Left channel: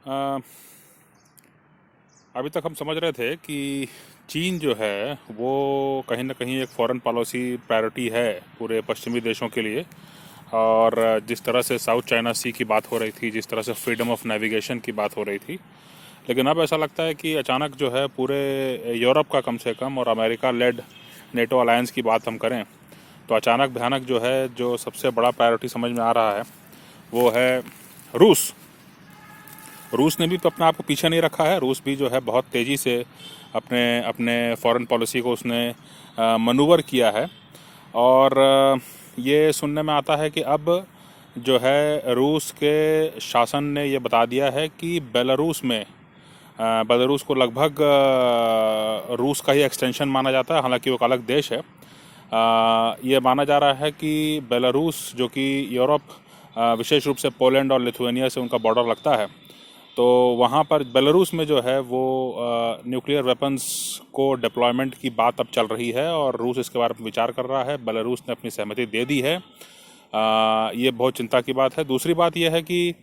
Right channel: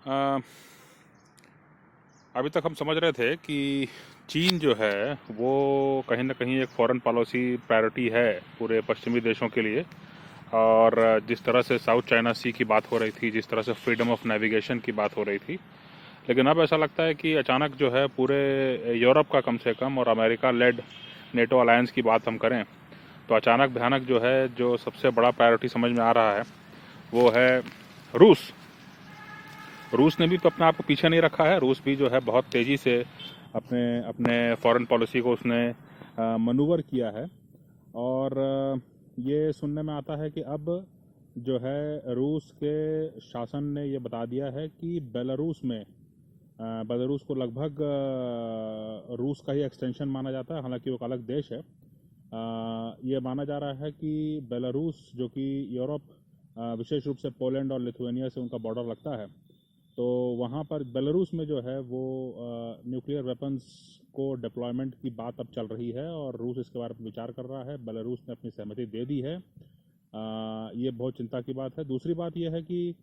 अ, अभी तक हम समझ रहे थे कि चीन जो है वो कहीं ना कहीं एक फॉरेन पॉलिसी प्रायोरिटी है पूरे पश्चिमी देशों के लिए। और जिस तरह से साउथ चाइना सी की बात हो रही थी, जिस तरह से फ्रीडम ऑफ नेविगेशन की बात हो रही थी, लेकिन अब ऐसा लगता है कि अचानक जो है पूरे यूरोप का कम से कम और अमेरिका लेड नेटो अलायंस की बात हम करें तो अचानक भयानक जो है, जो सबसे बड़ा प्रायोरिटी समझ में आ रहा है वो है रूस। रूस ने भी तो अपने आप को पीछे नहीं रखा है। रूस भी जो है बहुत तेज़ी से अपने अपने फॉरेन पॉलिसी को उसने मनूवर किया है। और ये सुनने में आता है कि अब जो है रूस के शासन ने ये बता दिया है कि बेलारूस में बेलारूस को लगभग रूस का ही एक्सटेंशन माना जाता है, हालांकि वो एक अलग देश है। ये माना जा रहा है कि बेलारूस जो कि यूरोप, विशेष रूप से पोलैंड और लिथुआनिया से उनका बॉर्डर लगता है, तो वहाँ पर बेलारूस में जो है वो न्यूक्लियर वेपन्स को डिप्लॉयमेंट की बात अब चल रही है और रूस इसके बारे में विचार कर रहा है। बेलारूस ने अपनी सहमति दे दी है। ये बहुत चिंता की बात है। दूसरी बात यह है कि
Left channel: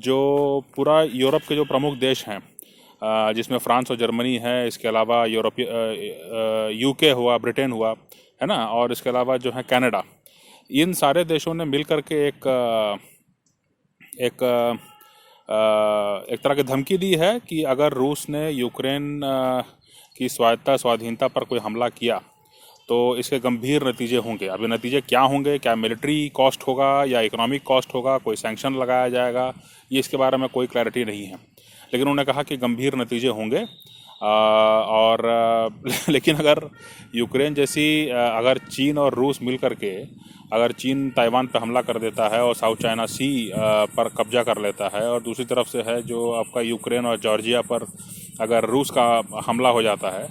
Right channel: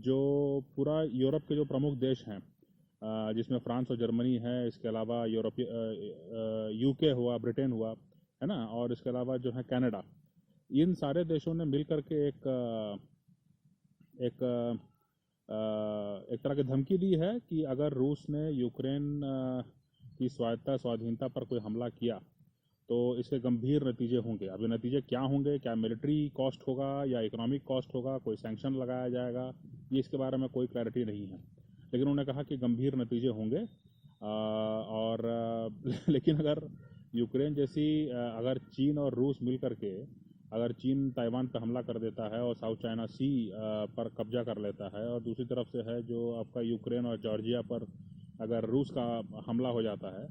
जो पूरा यूरोप के जो प्रमुख देश हैं, जिसमें फ्रांस और जर्मनी है, इसके अलावा यूके हुआ, ब्रिटेन हुआ, है ना, और इसके अलावा जो है कनाडा, इन सारे देशों ने मिल करके एक एक तरह की धमकी दी है कि अगर रूस ने यूक्रेन की स्वाधीनता पर कोई हमला किया तो इसके गंभीर नतीजे होंगे। अभी नतीजे क्या होंगे, क्या मिलिट्री कॉस्ट होगा या इकोनॉमिक कॉस्ट होगा, कोई सैंक्शन लगाया जाएगा, ये इसके बारे में कोई क्लैरिटी नहीं है। लेकिन उन्होंने कहा कि गंभीर नतीजे होंगे। लेकिन अगर यूक्रेन जैसी अगर चीन और रूस मिल करके, अगर चीन ताइवान पर हमला कर देता है और साउथ चाइना सी पर कब्जा कर लेता है, और दूसरी तरफ से है जो आपका यूक्रेन और जॉर्जिया पर अगर रूस का हमला हो जाता है,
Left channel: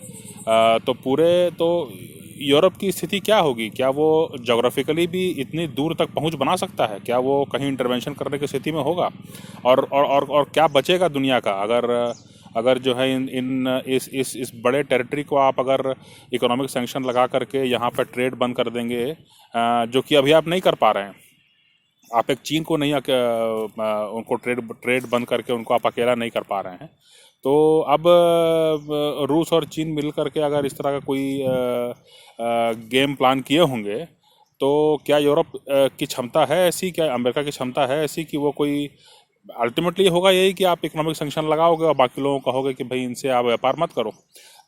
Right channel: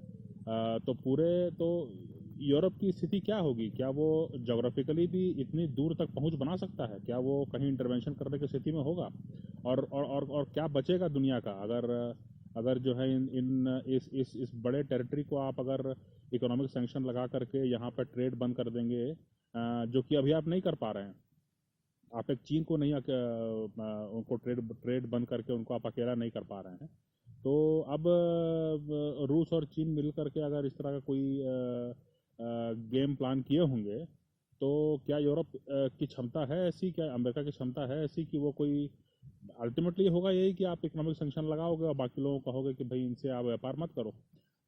तो यूरोप की स्थिति क्या होगी? क्या वो जोग्राफिकली भी इतनी दूर तक पहुंच बना सकता है? क्या वो कहीं इंटरवेंशन करने की स्थिति में होगा? और क्या बचेगा दुनिया का अगर अगर जो है इन इन इस बड़े टेरिटरी को आप अगर इकोनॉमिक सैंक्शन लगा करके यहाँ पर ट्रेड बंद कर देंगे, जो कि अभी आप नहीं कर पा रहे हैं। आप एक चीन को नहीं उनको ट्रेड बंद करके उनको आप अकेला नहीं कर पा रहे हैं। तो अब रूस और चीन मिल करके अगर इस तरह का कोई गेम प्लान किए होंगे, तो क्या यूरोप की क्षमता है ऐसी, क्या अमेरिका की क्षमता है ऐसी कि वो कोई अल्टीमेटली होगा यही कि आप इकोनॉमिक सैंक्शन लगाओगे और बाकी लोगों को कहोगे कि भाई इनसे आप व्यापार मत करो।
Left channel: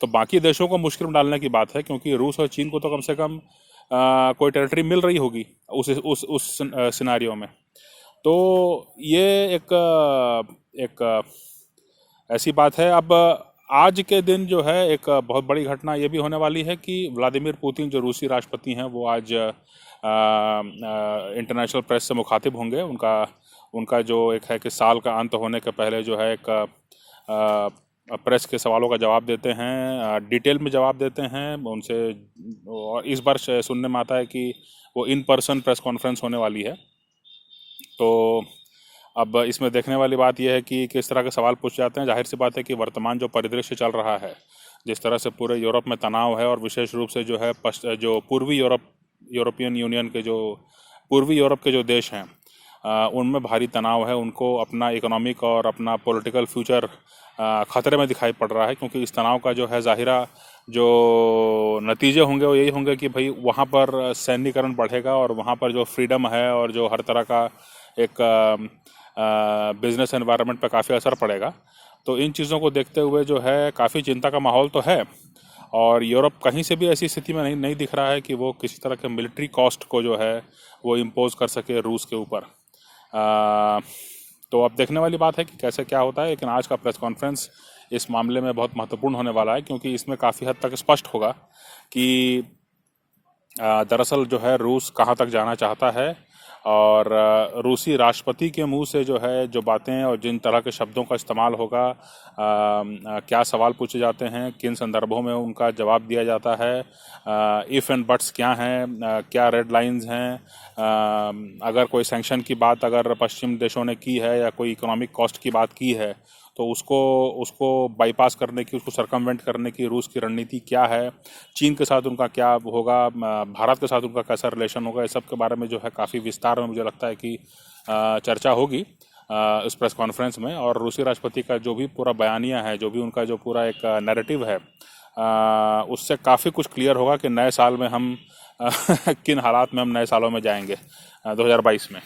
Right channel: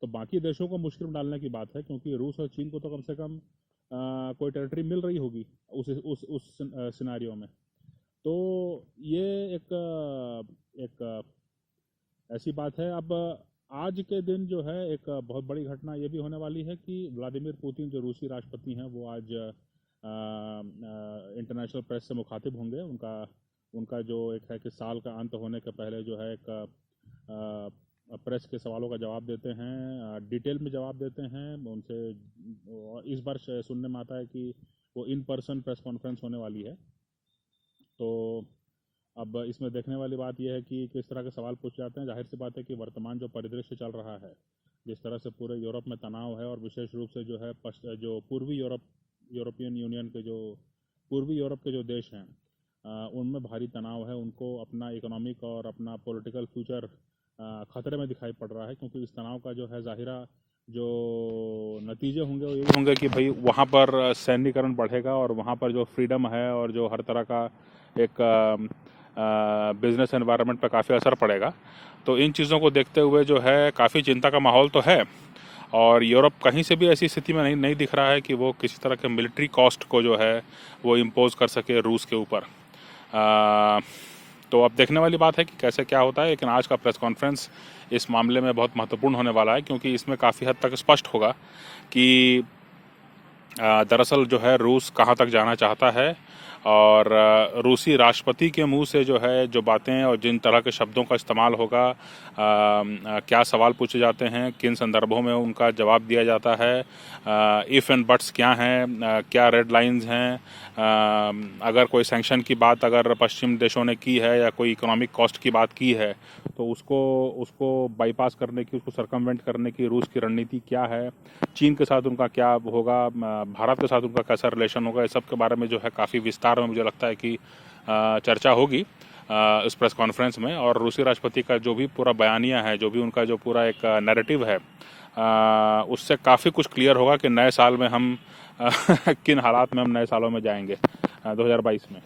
तो बाकी देशों को मुश्किल में डालने की बात है, क्योंकि रूस और चीन को तो कम से कम कोई टेरिटरी मिल रही होगी उस सिनारियो में। तो ये एक ऐसी बात है। अब आज के दिन जो है एक बहुत बड़ी घटना ये भी होने वाली है कि व्लादिमीर पुतिन जो रूसी राष्ट्रपति हैं वो आज इंटरनेशनल प्रेस से मुखातिब होंगे। उनका उनका जो एक है कि साल का अंत होने के पहले जो है एक प्रेस के सवालों का जवाब देते हैं, डिटेल में जवाब देते हैं उनसे। और इस बार सुनने में आता है कि वो इन पर्सन प्रेस कॉन्फ्रेंस होने वाली है। तो अब इसमें देखने वाली बात यह है कि किस तरह के सवाल पूछ जाते हैं। जाहिर सी बात है कि वर्तमान जो परिदृश्य चल रहा है, जिस तरह से पूरे यूरोप में तनाव है, और विशेष रूप से जो है जो पूर्वी यूरोपियन यूनियन के जो पूर्वी यूरोप के जो देश हैं, उनमें भारी तनाव है। उनको अपना इकोनॉमिक और अपना पॉलिटिकल फ्यूचर ख़तरे में दिखाई पड़ रहा है, क्योंकि इस तनाव का जो है ज़ाहिरा जो नतीजे होंगे वो यही होंगे कि भाई वहाँ पर सैन्यीकरण बढ़ेगा और वहाँ पर जो फ्रीडम है और जो हर तरह का एक बिजनेस एनवायरनमेंट पर काफ़ी असर पड़ेगा। तो इन चीज़ों को देखते हुए जो है काफ़ी चिंता का माहौल तो है। और यूरोप कहीं से भी ऐसी स्थिति में नहीं दिख रहा है कि वो किसी तरह के मिलिट्री कॉस्ट को जो है वो इम्पोज कर सके रूस के ऊपर। तो अब देखने वाली बात है कि कैसे क्या होता है। लेकिन आज का प्रेस कॉन्फ्रेंस इस मामले में बहुत महत्वपूर्ण होने वाला है, क्योंकि इसमें काफ़ी हद तक स्पष्ट होगा कि दरअसल जो है रूस कहाँ तक जाना चाहता है। और रूसी राष्ट्रपति के मुंह से जो है जो बातें और जिन तरह के शब्दों का इस्तेमाल होगा, क्या सवाल पूछे जाते हैं, किन संदर्भों में उनका जवाब दिया जाता है, इफ़ एंड बट्स क्या हैं, क्या रेड लाइंस हैं, अगर कोई सैंक्शन की बात अगर पश्चिम देशों ने की है या कोई इकोनॉमिक कॉस्ट की बात की है, तो उसको बाईपास करने की, उसको सर्कमवेंट करने की रूस की रणनीति क्या है, चीन के साथ उनका क्या होगा, भारत के साथ उनका कैसा रिलेशन होगा, इस सब के बारे में जो है काफ़ी विस्तार में मुझे लगता है कि चर्चा होगी। इस प्रेस कॉन्फ्रेंस में। और रूसी राष्ट्रपति का जो भी पूरा बयानिया है, जो भी उनका जो पूरा एक नैरेटिव है, उससे काफ़ी कुछ क्लियर होगा कि नए साल में हम किन हालात में हम नए सालों में जाएंगे 2022 में।